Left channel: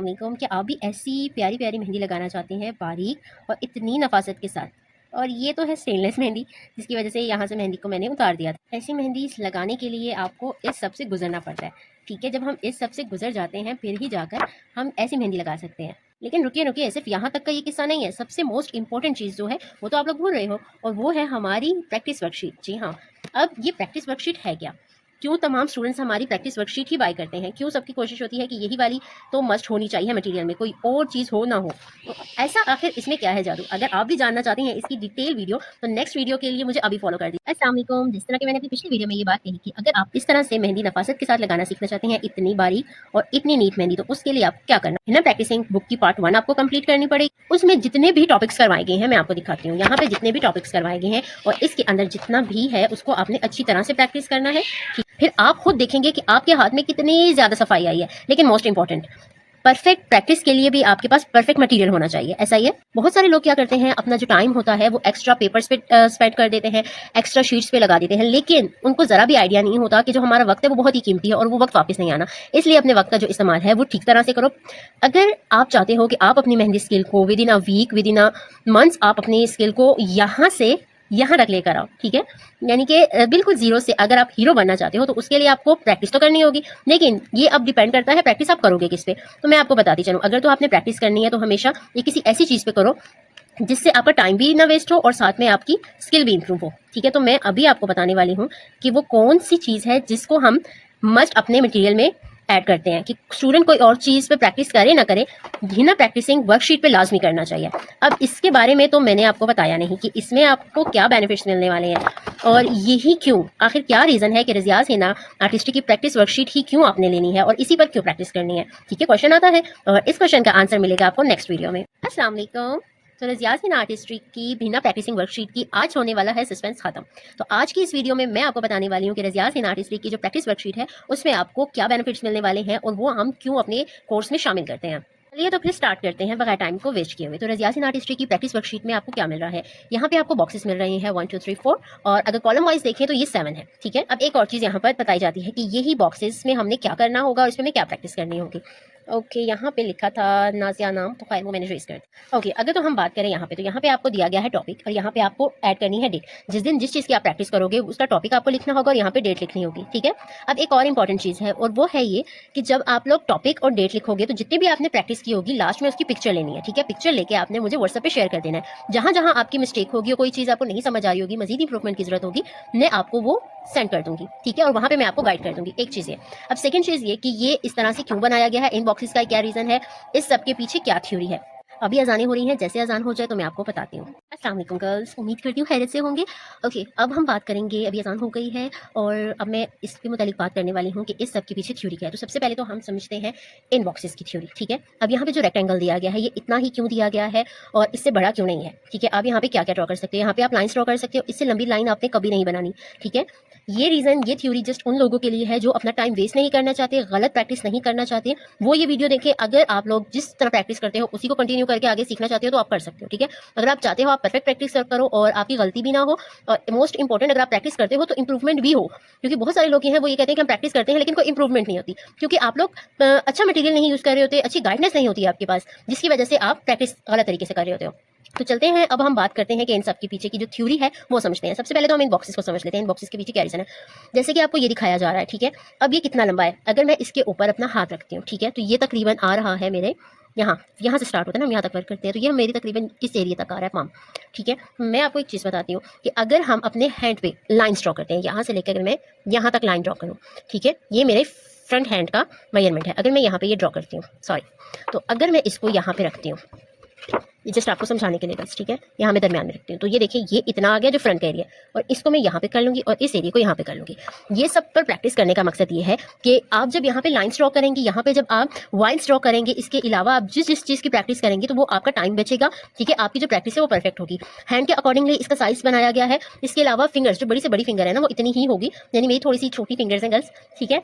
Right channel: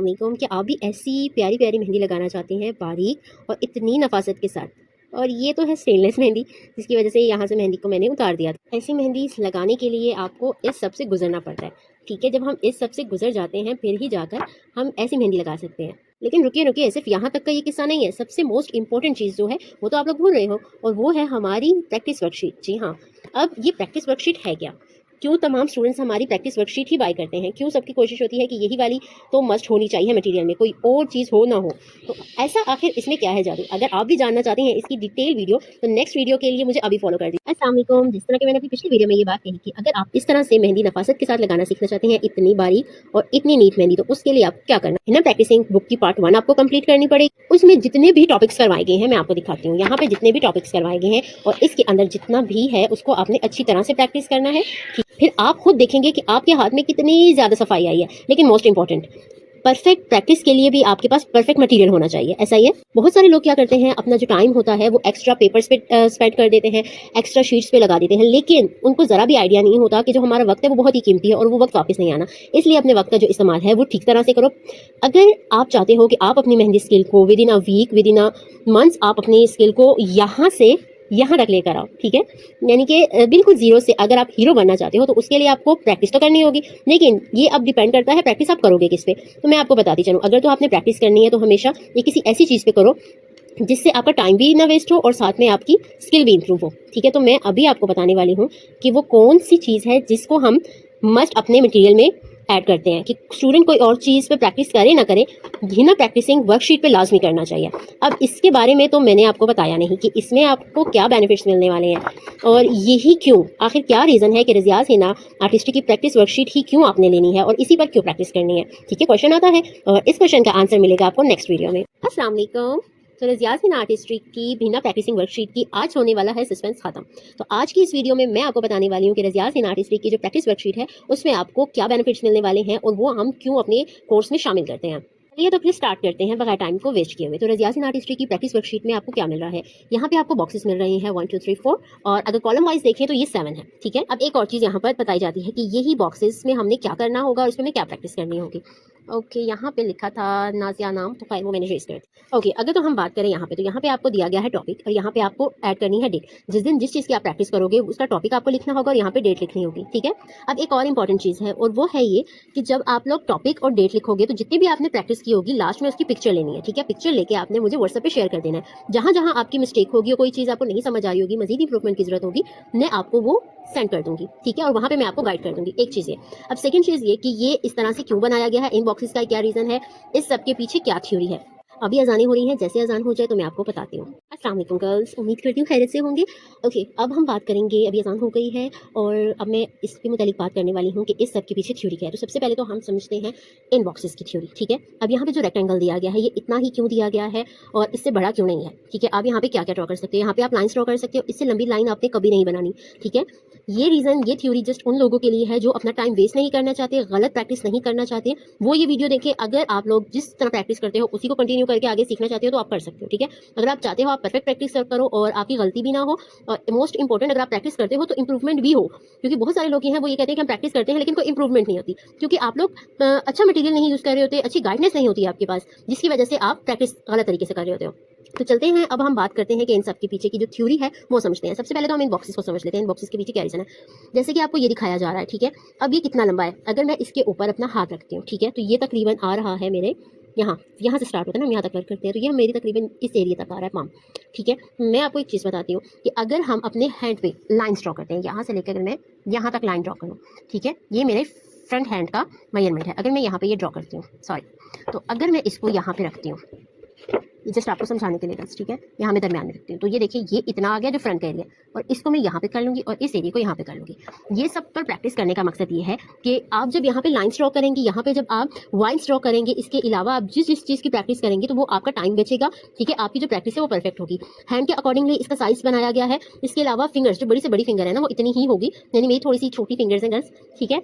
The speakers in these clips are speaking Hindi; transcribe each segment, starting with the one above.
अस्सलाम कि आप भी ऐसी प्यारी प्यारी मेहंदी लगाना चाहते हैं बारीक और इतनी नफासत के साथ। और ये तो है स्टेनलेस मेहंदी, जिसकी वजह से यहाँ से मेहंदी को मैंने उतार दिया था। ऐसी मेहंदी लगाने के लिए आपको इस सब से गुजरना पड़ता है। ठीक है, जब हम इस सब से गुजर जाते हैं फिर ही जाकर हम ऐसी मेहंदी लगा सकते हैं। लेकिन रुकिए रुकिए, सिर्फ यहाँ तक का ये किस्सा नहीं है। सबसे मोस्ट इंपॉर्टेंट चीज़ जो है वो तो आप लोग भूल रहे हो, और वो है हमारी प्रैक्टिस वर्कशीट। जी हाँ, अब ये प्रैक्टिस वर्कशीट है क्या? क्यों तमाम स्टूडेंट्स हमारी प्रैक्टिस वर्कशीट ही बाय करते हैं? क्यों सबकी कोशिश होती है कि यही वाली तो मस्ट होनी चाहिए मटेरियल में, कोई और चीज़ हो ना हो? तो ऐसा आखिर इसमें क्या है जादू? अगर आप भी जानना चाहते हैं इसकी डिटेल वीडियो, तो नेक्स्ट वीडियो के लिए मुझे अभी फॉलो कर दीजिए। अस्सलाम वालेकुम। जिस तरह की मैंने अपनी पिछली वीडियो में ये बात कही कि अगर आप इस तरह से मेहंदी नफासत के साथ लगाना सीखना चाहते हैं, इतनी बारीक और इतनी नीट मेहंदी, तो उसके लिए आपको क्या करना है ना, प्रैक्टिसिंग बुक की पार्ट 1 आपको कंप्लीट करनी पड़ेगी। उसमें जितने भी टॉपिक्स करवाए गए हैं मैं आपको दिखाती हूँ। यहाँ पे जितने भी टॉपिक्स करवाए गए हैं और इसके अंदर जितना भी है उसको आपने अच्छी तरह से प्रैक्टिस करना है। फिर आप खुद देखेंगे कि आपके हाथ में कितनी ज़्यादा सफाई आई है। लेकिन मोस्ट इंपॉर्टेंट, परफेक्ट प्रैक्टिस के लिए भी आपके पास परफेक्ट मटेरियल होना चाहिए। ऐसा ही है, बहुत सारे लोग क्या करते हैं, अपना जो टाइम होता है वो एक्स्ट्रा पेपर्स पे स्पेंड कर देते हैं, एक्स्ट्रा शीट्स पे लगा देते हैं, लेकिन उनको जरा भी आइडिया नहीं होता कि जो हमारा वक्त है वो बहुत ही कीमती है और वो वक्त वापस नहीं आना। इसलिए अपने वक्त का जो इस्तेमाल है वो ठीक तरह से करो। अगर आप चाहते हो कि आप अपनी मेहंदी स्किल को within a week, within a months, आप अपनी स्किल को यहाँ से यहाँ तक लेकर आओ, ठीक है, यानी कि बिल्कुल जीरो से अगर आप हीरो बनना चाहते हो, तो उसके लिए आपको प्रैक्टिस तो करनी होगी। लेकिन ये अब डिपेंड करता है प्रैक्टिस आप करोगे किस पे। तो मैं आपको बताती चलूँ, अगर तो आपने प्रैक्टिस करनी है तो हमेशा ये किसी ऐसी चीज़ पे करो जिससे आपका टाइम भी ना वेस्ट हो और साथ में आपकी स्किल भी इंप्रूव हो। ठीक है, तो मैं अभी आपको बताने वाली हूँ कि वो कौन सी चीज़ है जिसको हम मस्ट अपने मटेरियल में ऐड करते हैं, कि स्टूडेंट कोई और चीज़ पे प्रैक्टिस करे ना करे, बिना प्रैक्टिसिंग वर्कशीट पे लाजमी करना चाहिए। अब इसके बारे में तो मैंने आपको बताया नहीं कि इसमें आपको क्या बेनिफिट्स मिलने वाले हैं, और यही क्यों, आखिर क्या रीज़न है कि रियाज हिना आर्टिस्ट्री की प्रैक्टिस वर्कशीट ही क्यों आपने लेनी है और इसी पर क्यों प्रैक्टिस करनी है। ठीक है, क्वेश्चन आता है और इस क्वेश्चन का आंसर मिलेगा आपको नेक्स्ट वीडियो में। अस्सलाम वालेकुम। तो रियाज हिना आर्टिस्ट्री की बिना प्रैक्टिसिंग वर्कशीट की आज होने वाला है सस्पेंस खत्म। तो आज की इस वीडियो में मैं आपको बताने वाली हूँ कि रियाज हिना आर्टिस्ट्री की जो प्रैक्टिस वर्कशीट है उसमें आपको क्या बेनिफिट्स मिलने वाले हैं और वो हम क्यों अपने कोर्स में शामिल करते हैं। चलिए तो फिर स्टार्ट करते हैं बगैर टाइम को वेस्ट किए हुए। तो रियाज हिना आर्टिस्ट्री की प्रैक्टिस वर्कशीट में आपको क्या मिल रहा है, यहाँ पे आपको बॉक्सेस मिल रहे हैं 1 2 3 4, और अगर कॉलम वाइज देखें तो ये 7 है। ठीक है, अब एक और चीज़ यहाँ पर बताई जाती है कि यही बॉक्सेस में हमने क्या करना होगा और इसमें हमें क्या प्रैक्टिस करनी होगी। ओके, यहाँ पे लिखा था नाजिया नाम, तो खैर वो मैंने रेज कर दिया। ओके, अगर तो हम बात करें यहाँ पे, तो यहाँ पे आपको दिया गया है टॉपिक और यहाँ पे आपको ऐड करनी है डेट। जिस दिन जिस चीज़ की आप प्रैक्टिस करोगे उसका टॉपिक आपको लिखना होगा और यहाँ पे डेट लिखनी होगी। ठीक है, अब एक और इंपॉर्टेंट चीज़ है और वो है ये कि जब आप लोग टॉपिक और डेट लिखोगे तो जितने भी आपने प्रैक्टिस की होगी लास्ट में उसकी पिक्चर लेनी है। ठीक है, पिक्चर लेके आपने मुझे व्हाट्सएप पे शेयर कर देना है। जहाँ जहाँ आपकी मिस्टेक होगी, कोई चीज़ आपको नहीं समझ आ रही होगी, मजीद इंप्रूवमेंट की जरूरत होगी, मैं आपको वो सेंड कर दूंगी। ठीक है, और वहाँ पे मैं आपको गाइड कर दूंगी। एक चीज़ ये। अब सेकंड चीज़ ये कि ये इस तरह से क्यों बनाया गया है, इन बॉक्सेस का क्या रीज़न है, इस सब के पीछे क्या थ्योरी है। अभी अजानें हो रही हैं, जैसे अजान हो जाए तो मैं आपको बताती हूँ। अस्सलाम वालेकुम गर्ल्स, उम्मीद करती हूँ खैरियत से होंगे। ओके, अब हम बात करेंगे, अभी अजान हो गई है और अब मैं इसके मुतालिक बात करने वाली हूँ कि इस सब के पीछे थ्योरी क्या है। तो सबसे पहले तो हम समझते हैं इन बॉक्सेस की थ्योरी। ठीक है, अब यहाँ पे जो रेक्टेंगल दिया गया है ये इतना ही क्यों दिया गया है और इससे बड़ा क्यों नहीं है। ठीक है, आप यहाँ पे क्या क्या ड्रॉ कर सकते हो, यहाँ पे आप लाइन्स ड्रॉ कर सकते हो, इससे लंबी लाइन आपने कभी नहीं बनानी। ठीक है, ये रीज़न, ये थ्योरी जस्ट उन लोगों के लिए है जो अपना टाइम वेस्ट नहीं करना चाहते, गलत प्रैक्टिस नहीं करना चाहते, वो ये वीडियो देखें। अगर आप लोग जिस तरह प्रैक्टिस करते हो उसी को कंटिन्यू करके आगे सीखना चाहते हो तो आप कर सकते हो। ठीक है, अगर आप चाहते हो आप परफेक्ट प्रैक्टिस करो और आपकी गलती भी ना हो, और मोस्ट इंपॉर्टेंट अगर आप प्रैक्टिस करते हो तो इंप्रूवमेंट भी हो, क्योंकि बहुत सारे लोग हैं वो ये कहते हैं कि हम प्रैक्टिस करते हैं लेकिन कोई इंप्रूवमेंट नहीं होती, क्योंकि आप लोग अच्छा मटेरियल नहीं यूज़ कर रहे होते, अच्छी गाइडेंस नहीं होती है आपके पास, जिसकी वजह से आप प्रैक्टिस गलत तरीके से कर रहे होते हो। तो चलते हैं, अब हम बात करते हैं कि इन सब के पीछे की जो थ्योरी है वो समझते हैं। सबसे पहले तो हम इन बॉक्सेस को समझ लेते हैं, इन बॉक्सेस के पीछे क्या रीज़न है। जैसे कि आपको ये दिखाया जा रहा है, ठीक है, अब ये कितना लंबा है, अगर मैं इसके ऊपर अपना हाथ रखती हूँ, ठीक है, तो ये तकरीबन आ रहा है मेरे यहाँ से स्टार्ट होता है ना, हम यहाँ तक वर्क करते हैं, तो ये मेरी तकरीबन इस एरिया तक आ रहा है, पाम। ठीक है, मैं आपको एक चीज़ बताती हूँ कि अगर हम अपने हैंड पे लाइन ड्रॉ करते हैं, यहाँ से लेकर अगर मैं यहाँ तक लाइन ड्रॉ करूँ, ठीक है, ये मेरे फ्रंट हैंड का मेजरमेंट है। अगर मैं यहाँ पे ये ड्रॉ करती हूँ, सॉरी, तो अगर मैं इसको यहाँ पे रखती हूँ, ये जस्ट आपको समझाने के लिए बस, ठीक है, यहाँ मैं दरमियान में रखती हूँ, तो ये देखिए ये इतना आ गया जो फ्रंट का एरिया, और इसको मैं यहाँ पे कर लूँगी और इस एरिया को यहाँ पे कर लूँगी। ये सब पर प्रैक्टिस करने का मकसद ये है कि आप जब यहाँ पे लाइन्स ड्रॉ करेंगे, यहाँ पे जब आप वाइन्स ड्रॉ करेंगे, इसके अलावा आप जिस जिस चीज़ की प्रैक्टिस करेंगे तो वो आपका टाइम बचेगा। ठीक है, आपकी जो प्रैक्टिस है वो परफेक्ट होगी। हैंड के अकॉर्डिंगली इसका साइज बनाया गया है। इसके अलावा फिंगर्स, जो बड़ी से बड़ी फिंगर है ना, वो इतनी ही होगी, यानी मेरी थोड़ी सी छोटी फिंगर्स हैं गर्ल्स। ठीक है,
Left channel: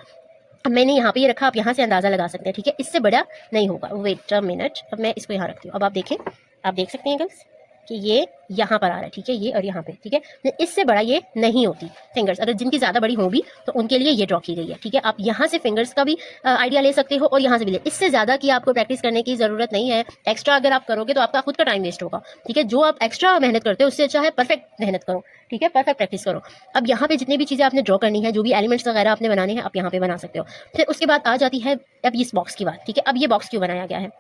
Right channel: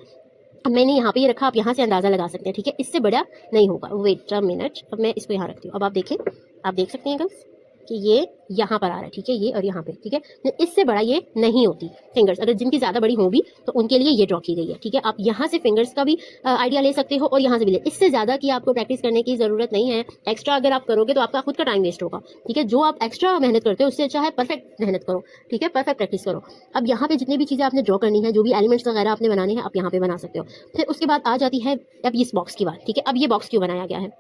अब मैंने यहाँ पे ये रखा, आप यहाँ से अंदाज़ा लगा सकते हैं। ठीक है, इससे बड़ा नहीं होगा। वेट अ मिनट, अब मैं इसको यहाँ रखती हूँ, अब आप देखें, आप देख सकते हैं गर्ल्स, कि ये यहाँ पर आ रहा है, ठीक है, ये और यहाँ पे, ठीक है। इससे बड़ा ये नहीं होती फिंगर्स, अगर जिनकी ज़्यादा बड़ी होगी तो उनके लिए ये ड्रॉ की गई है, ठीक है। आप यहाँ से फिंगर्स का भी आइडिया ले सकते हो और यहाँ से भी ले। इससे ज़्यादा की आपको प्रैक्टिस करने की ज़रूरत नहीं है। एक्स्ट्रा अगर आप करोगे तो आपका खुद का टाइम वेस्ट होगा, ठीक है। जो आप एक्स्ट्रा मेहनत करते हो उससे अच्छा है परफेक्ट मेहनत करो, ठीक है, परफेक्ट प्रैक्टिस करो। अब यहाँ पे जितनी भी चीज़ें आपने ड्रॉ करनी है, जो भी एलिमेंट्स वगैरह आपने बनाने हैं, आप यहाँ पे बना सकते हो। फिर उसके बाद आ जाती है अब इस बॉक्स की बात, ठीक है। अब ये बॉक्स क्यों बनाया गया है?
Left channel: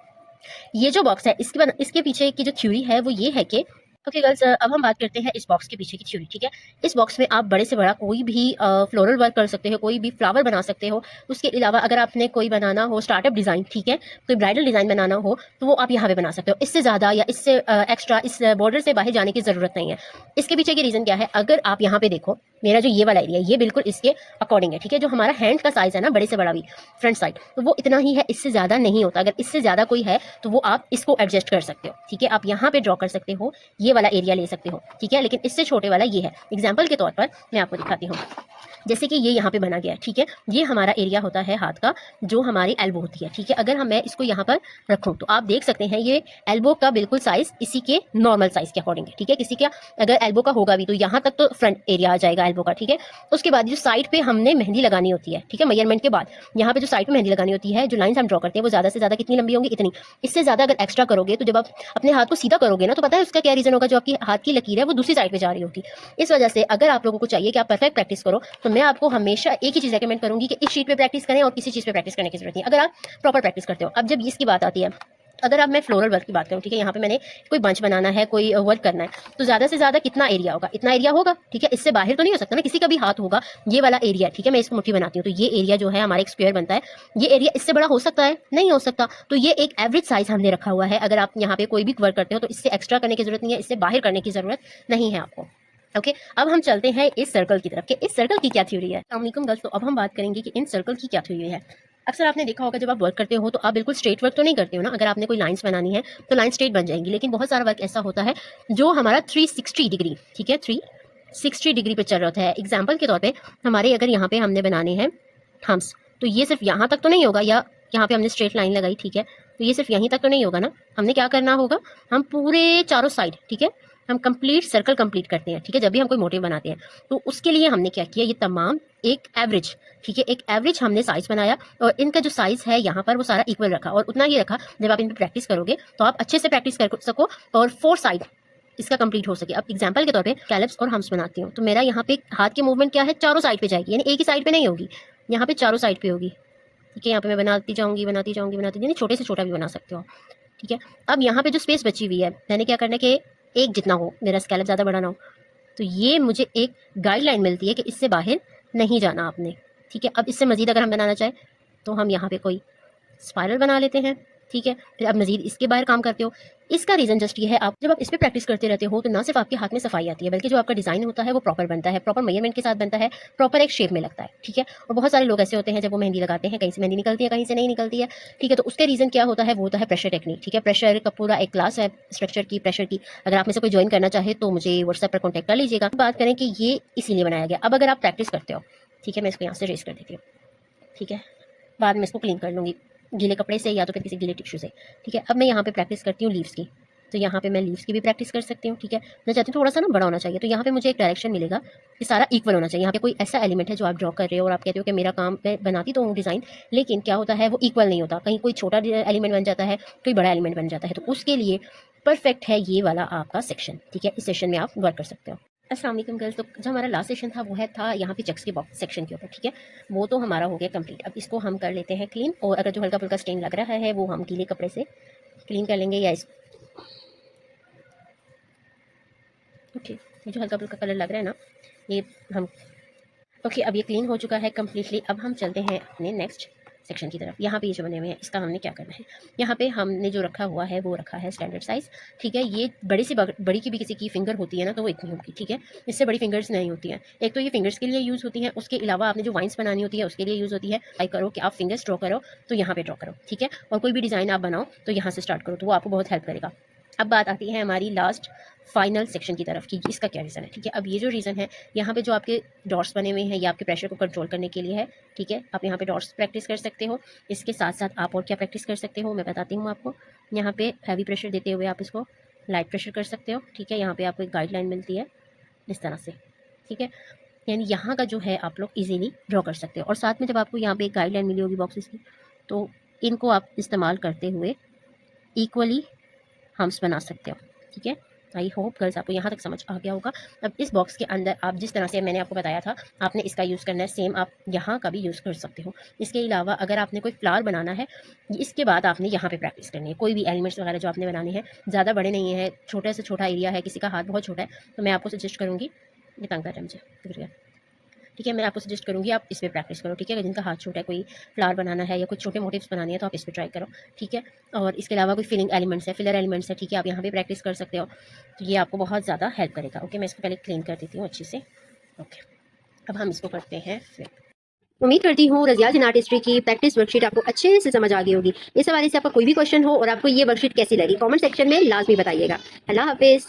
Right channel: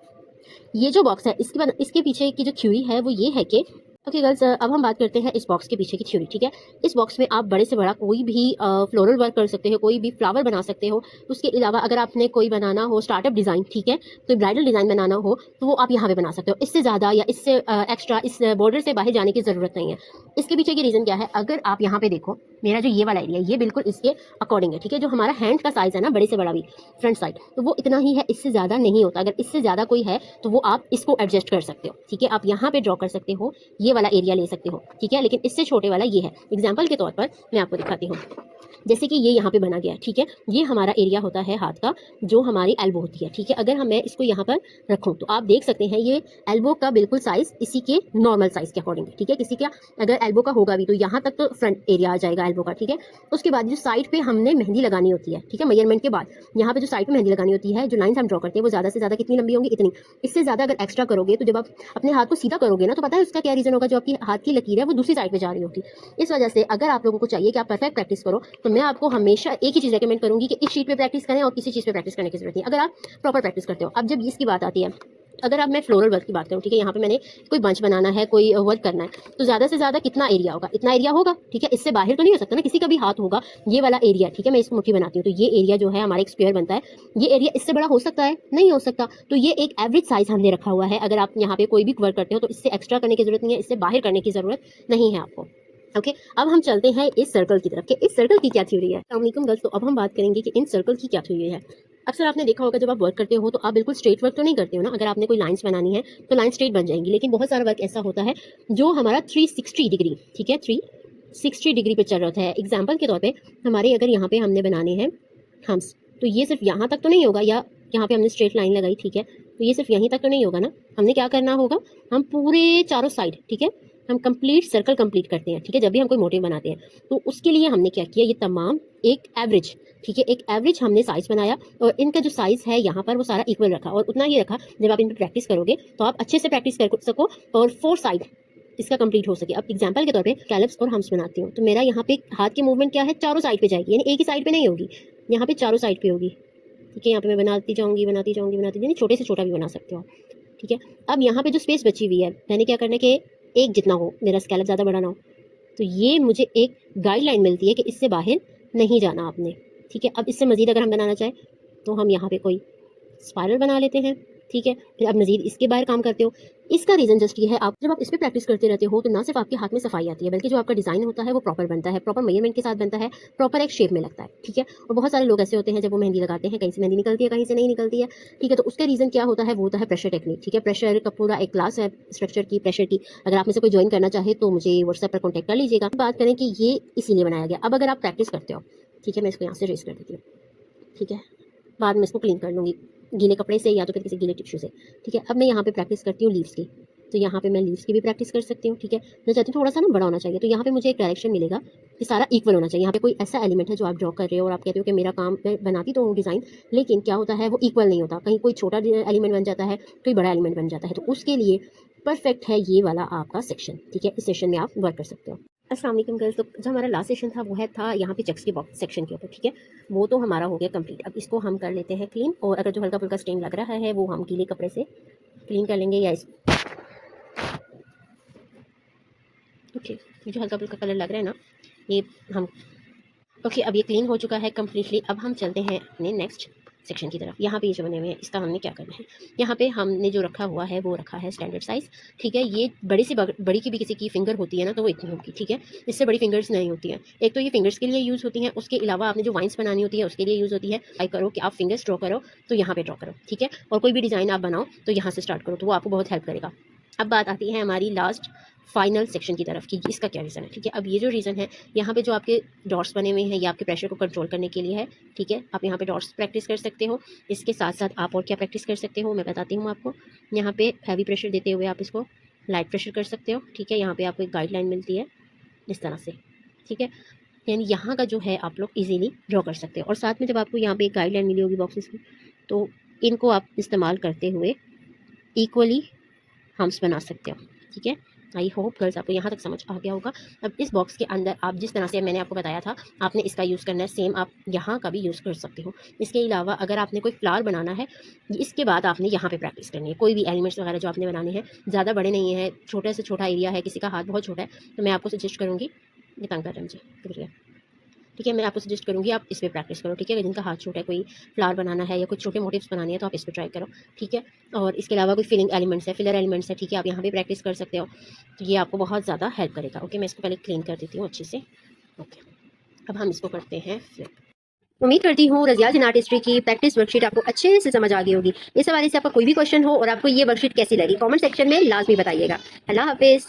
ये जो बॉक्स है इसके पीछे की जो थ्योरी है वो ये है कि ओके गर्ल्स, अब हम बात करते हैं इस बॉक्स के पीछे की थ्योरी, ठीक है। इस बॉक्स में आप बड़े से बड़ा कोई भी फ्लोरल वर्क कर सकते हो, कोई भी फ्लावर बना सकते हो। उसके अलावा अगर आपने कोई बनाना हो स्टार्टअप डिज़ाइन, ठीक है, कोई ब्राइडल डिज़ाइन बनाना हो तो वो आप यहाँ पे बना सकते हो। इससे ज़्यादा या इससे एक्स्ट्रा इस बॉर्डर से बाहर जाने की ज़रूरत नहीं है। इसके पीछे की रीज़न क्या है? अगर आप यहाँ पे देखो, मेरा जो ये वाला एरिया ये बिल्कुल इसके अकॉर्डिंग है, ठीक है। जो हमारा हैंड का साइज़ है ना, बड़े से बड़ा भी फ्रंट साइड, तो वो इतना ही है, इससे ज़्यादा नहीं होता। अगर इससे ज़्यादा कोई है तो वो आप इसको एडजस्ट कर सकते हो, ठीक है। आप यहाँ पे ड्रॉ कर सकते हो, ये वाला एरिया ले सकते हो, ठीक है। लेकिन इससे छोटे वाला ये है। एग्जाम्पल के तौर पर मैं आपको दिखाती हूँ, जैसे कि ये यहाँ पे बना गया है, ठीक है। ये हमारा एरिया होता है हाथ का, जो हमारी एल्बो होती है, ठीक है। अगर मैं इसको यहाँ पर रखूँ तो आप देख सकते हैं ये एल्बो का बिल्कुल साइज इसी के नॉर्मल साइज के अकॉर्डिंग है, ठीक है। किसी का अगर एल्बो का होगा भी तो यहाँ तक तो फ्रंट एरिया आ जाएगा एल्बो का, ठीक है। उसके बाद जो साइड पे हमने मेहंदी लगानी होती है, ठीक है, मेजरमेंट के बाद यहाँ पे जो साइड पे मेहंदी लगानी होती है, जो लाइन्स हम ड्रॉ करते हैं वो ज़्यादा से ज़्यादा कितनी लंबी होंगी? इतनी। इससे ज़्यादा अगर एक्स्ट्रा करोगे तो जब आप अपने हाथ को सीधा करोगे ना, तो पता है उसका क्या रीज़न होगा? जो आपकी हाथ की लकीर है वो दूसरी साइड पे जा रही होगी। इस वजह से अगर आप लोगों को चाहिए कि आप परफेक्ट प्रैक्टिस करो तो मैं आपको हमेशा एक ही चीज़ रिकमेंड करूंगी कि इस शीट पे प्रैक्टिस करें और किसी चीज़ पे प्रैक्टिस करने की जरूरत नहीं, अगर आप प्रॉपर प्रैक्टिस करते हो। अब जब इसकी बात आती है, अगर अब मैं फ्लोरल वर्क की बात करूँ, ठीक है, यहाँ पे मैंने कोई बंच बनाना है, कोई वर्क करना है, तो ज़्यादा से ज़्यादा कितना एरिया होगा? इतना एरिया होगा, ठीक है। इससे बाहर तो नहीं हो सकता ना, किसी का भी हाथ होगा। ये वाला एरिया, ठीक है, मैं इसको मुट्ठी बनाती हूँ तो ये एरिया जो है हमारा एक स्क्वायर बनता है। ये एरिया इससे बड़ा हो सकता है? नहीं हो सकता। तो ये एक एवरेज साइज हमने रखा हुआ है। अगर आप यहाँ पे कोई भी वर्क करते हो तो इससे एक्स्ट्रा करने की जरूरत नहीं है, इससे बाहर करने की जरूरत नहीं है आपको। ओके अब हम चलते हैं इस सर्कल की तरफ कि इस सर्कल की क्या थ्योरी है। अस्सलाम वालेकुम गर्ल्स, तो अब हम बात करेंगे कि इन सर्कल की क्या थ्योरी है। अक्सर आपने देखा होगा जब आप वर्क करते हो तो आप बिल्कुल स्ट्रेट वर्क तो नहीं करते हो ना। अगर आपने कोई लाइंस बनानी है तो लाइन स्ट्रेट बन जाएंगी, लेकिन बहुत सारा वर्क ऐसा होता है जो हमारा 360 डिग्री, ठीक है, 360 डिग्री पे चल रहा होता है। एग्जाम्पल के तौर पर हमारे अगर यहाँ पे हमने बनाने हैं हम्स, तो ये सिर्फ यहाँ तक तो नहीं होगा, या यहाँ पे हमने स्ट्रेट लाइन लगाई, ठीक है, तो ये सिर्फ यहीं तक तो नहीं होगा ना। हमने क्या करना होगा, हम पूरे चारों साइड, ठीक है, हम कंप्लीट सर्कल कंप्लीट करते हैं, ठीक है। जब भी हम कोई मोटिव बनाते हैं तो उसके लिए हमने क्या किया, ये तमाम एक एवरेज, ठीक है, एक एवरेज हमने साइज बनाया और इनका जो साइज है यहाँ पर वो सारा इक्वल रखा और उतना ही रखा। जब आप इन पर प्रैक्टिस करोगे तो आप अच्छे से प्रैक्टिस कर सको और 4 साइड इसका कंप्लीट हो सके। अब एग्जांपल के तौर पे कैलिप्स और हम्स बनाती हूँ तो मेरा यहाँ पे हाथ की मूवमेंट क्या है, चारों साइड पे जाएगी, यानी एक ही साइड पे नहीं होगी, यहाँ पे चारों साइड पे होगी, ठीक है। यहाँ पे मैं बनाती जाऊँगी, यानी छोटे से छोटा भी बना सकते हो, ठीक है। अब यहाँ पे जो स्पेस बची हुई है, मैंने क्या करना है कि एक जितना हो, मेरा स्कैलप ज़्यादा बड़ा ना हो, तो ये मुझे एक गाइडलाइन मिलती है कि इससे बाहर नहीं जाना आपने, ठीक है। अब इससे मज़ीद अगर हम बनाना चाहें तो हम यहाँ पे कोई स्पाइरल बना लेते हैं, ठीक है। फिर अब मज़ीद इसके बाहर काम करते हो। इसका रीज़न जस्ट ये है, आप जब आप इस पर प्रैक्टिस करते रहते हो तो ना सिर्फ आपके हाथ में सफाई आती है, बल्कि जो आपका डिज़ाइन होता है वो प्रॉपर बनता है, प्रॉपर मेजरमेंट के साथ बनता है, प्रॉपर एक शेप में लगता है, ठीक है। और बहुत सारे लोग ऐसे होते हैं जब वो मेहंदी लगाते हैं, कहीं से मेहंदी निकलती है, कहीं से नहीं निकलती है, ठीक है। तो उसका रीज़न क्या होता है, वो होता है प्रेशर टेक्निक, ठीक है। प्रेशर का पूरा एक क्लास है स्ट्रक्चर की, प्रेशर की। अगर आप में से कोई ज्वाइन करना चाहे तो मुझे व्हाट्सएप पर कॉन्टैक्ट कर लीजिएगा। बात करें कि ये इसीलिए बनाया गया। अब अगर आप प्रैक्टिस करते हो, ठीक है, मैं इसको यहाँ से रेस कर देती हूँ, ठीक है, बाद में इसको क्लीन कर लूँगी गीले कपड़े से या तो फिर किसी गीले टिश्यू से, ठीक है। अब मैं यहाँ पे प्रैक्टिस करती हूँ लीव्स की, तो यहाँ पे मैं लीव्स की भी प्रैक्टिस कर सकती हूँ, ठीक है। मैं चाहती हूँ थोड़ा सा ना बड़ा होना चाहिए, तो यहाँ पे मुझे एक डायरेक्शन मिलेगा कि सारा इक्वल होना चाहिए। यहाँ पे कोई ऐसा एलिमेंट है जो आप ड्रॉ कर रहे हो और आप कहते हो कि मेरा काम मैं बनाती तो हूँ डिज़ाइन, लेकिन क्या होता है वो इक्वल नहीं होता, कहीं कोई छोटा एलिमेंट बन जाता है, कोई बड़ा एलिमेंट बन जाता है। तो उसके लिए परफेक्ट है ये वाला आपका सेक्शन, ठीक है। इस सेक्शन में आप वर्क कर सकते हो। अस्सलाम वालेकुम गर्ल्स, तो जो हमारा लास्ट सेशन था वो था यहाँ पे चेक्स के बॉक्स सेक्शन के ऊपर, ठीक है। वो तो हमारा हो गया कंप्लीट। अब इसको हम कर लेते हैं क्लीन, और अगर जो हल्का फुल्का स्टेन लग रहा है वो हम गीले कपड़े से क्लीन कर लेंगे, या इस ओके जो हल्का फुल्का कलर लग रहा है ना ये हम ओके अब ये क्लीन हो चुका है कम्प्लीटली। अब हम चलते हैं अपने नेक्स्ट सेक्शन की तरफ। यहाँ पे ये जो बने हुए हैं इसका हमने क्या करना है, यहाँ पे हमने जो रखा हुआ है वो रखा है स्टैंडर्ड साइज़, ठीक है। ये बड़ी की भी किसी की फिंगर होती है ना तो वो इतनी होगी, ठीक है। इससे बड़ी फिंगर्स नहीं होती हैं। एक तो ये फिंगर्स के लिए यूज़ होती हैं, उसके अलावा आपने जो वाइंस बनानी होती है उसके लिए यूज़ होती है। ट्राई करो कि आप फिंगर्स ड्रॉ करो तो यहाँ पर ड्रॉ करो, ठीक है। और कोई भी डिज़ाइन आप बनाओ तो यहाँ से स्टार्ट करो, तो वो आपको बहुत हेल्प करेगा। अब बात आती है हमारी लास्ट फाइनल सेक्शन की तरफ कि इसका क्या रीज़न है, ठीक है। अब ये जो रीज़न है, यहाँ पे जो आपके डॉट्स बने हुए हैं ये आपके प्रेशर को कंट्रोल करने के लिए है, ठीक है। आप यहाँ पे डॉट्स प्रैक्टिस कर सकते हो। इसके साथ साथ आप और क्या प्रैक्टिस कर सकते हो मैं बताती हूँ आपको। यहाँ पे हैवी प्रेशर देते हुए आप इसको लाइट प्रेशर कर सकते हो। ठीक है, यहाँ पे आपको एक गाइडलाइन मिलती है इस तरह से। ठीक है, यानी यहाँ का जो है आप लोग इजीली ड्रॉ कर सकते हो। और साथ में जब आपको यहाँ पे एक गाइडलाइन मिली होगी बॉक्सेस की, तो इनको आप इस्तेमाल करते हुए इक्वली हम्स बना सकते हो। ठीक है, आई होप गर्ल्स आपको यहाँ तक समझ आ गया होगा। अब इस बॉक्स के अंदर आप जिस तरह से मैंने आपको बताया था आपने इसका यूज़ करना है, सेम आप यहाँ का भी यूज़ कर सकते हो। इसके अलावा अगर आपने कोई फ्लावर बनाना है, इसके बाद आपने यहाँ पे प्रैक्टिस करनी है। कोई भी एलिमेंट्स वगैरह जो आपने बनाने हैं, ज़्यादा बड़े नहीं है, छोटे से छोटा एरिया है, किसी का हाथ बहुत छोटा है, तो मैं आपको सजेस्ट करूँगी, ये तंग कर रहा है मुझे, शुक्रिया। ठीक है, मैं आपको सजेस्ट करूँगी आप इस पे प्रैक्टिस करो। ठीक है, अगर जिनका हाथ छोटा है, कोई फ्लावर बनाना है या कुछ छोटे मोटिव्स बनाने हैं, तो आप इस पे ट्राई करो। ठीक है, और इसके अलावा कोई फिलिंग एलिमेंट्स है, फिलर एलिमेंट्स है, ठीक है, आप यहाँ पे प्रैक्टिस कर सकते हो। तो ये आपको बहुत ज़्यादा हेल्प करेगा। ओके, मैं इसको पहले क्लीन कर देती हूँ अच्छे से। ओके, अब हम इसको करते हैं फ्लिप। उम्मीद करती हूँ रज़िया जिन आर्टिस्ट्री की प्रैक्टिस वर्कशीट आपको अच्छे से समझ आ गई होगी। इस हवाले से आपका कोई भी क्वेश्चन हो और आपको ये वर्कशीट कैसी लगी, कमेंट सेक्शन में लाजमी बताइएगा। अल्लाह हाफिज़।